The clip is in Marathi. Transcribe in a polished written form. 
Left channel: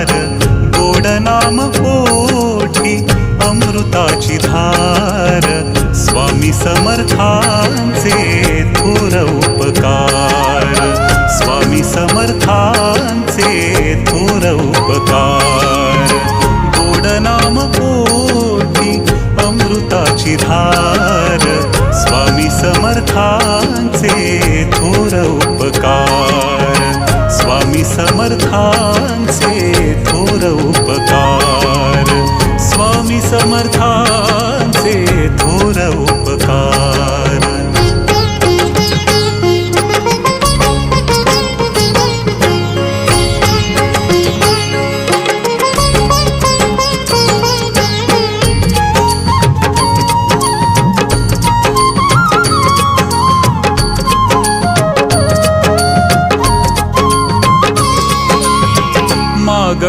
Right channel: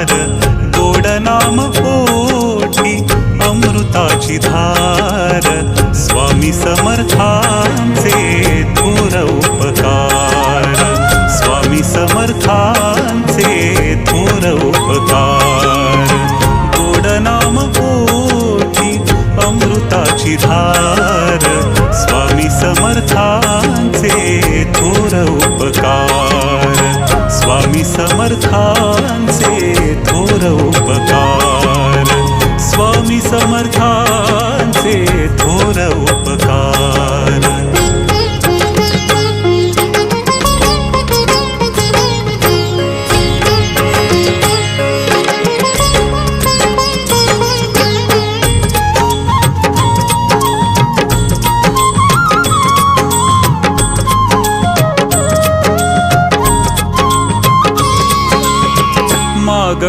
उपकार, गोड नाम ओठी अमृताची धार, स्वामी समर्थांचे थोर उपकार, स्वामी समर्थांचे थोर उपकार, गोड नाम ओठी अमृताची धार, स्वामी समर्थांचे थोर उपकार, स्वामी समर्थांचे थोर उपकार, स्वामी समर्थांचे थोर उपकार।